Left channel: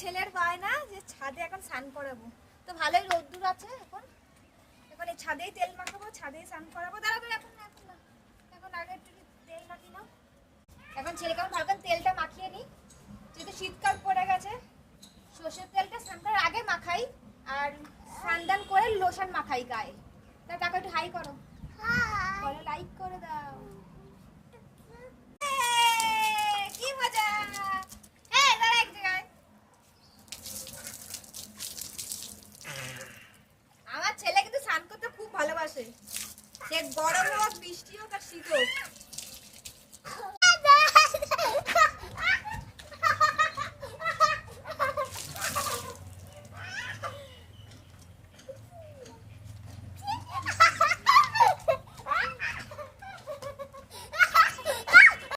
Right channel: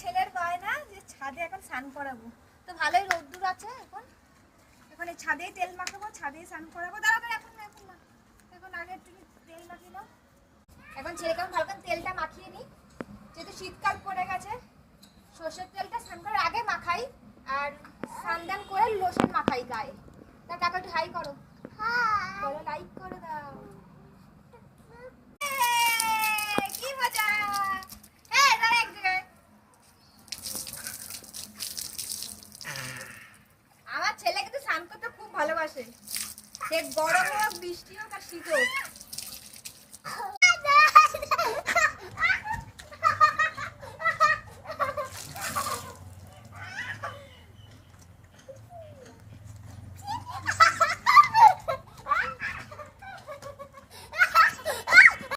ছেলের বায়না যে ছাদে এখন স্নান করাবো, তো ভালোই রোদ্দুর আছে এখন, এখন এই ছাদেই তেল মাখাবো, ছাদেই স্নান করাবো। দাঁড়াবো, এখন না, এখন না, এখন আগে একটু তেল মাখিব। এখন ছেলেকে ভালো করে তেলটা মাখিয়ে নিই, যেহেতু শীতকাল পড়ে গেছে। সর্ষের তেলটা স্নান করার আগে মাখাই, আর স্নান করে লোশন মাখাই গায়ে। তা কাকা একটু হাই করো, বলো লাইক করে দাও। কি মজা! আমার ছেলে কিন্তু স্নান করতে খুব ভালোবাসে, সে গরম হোক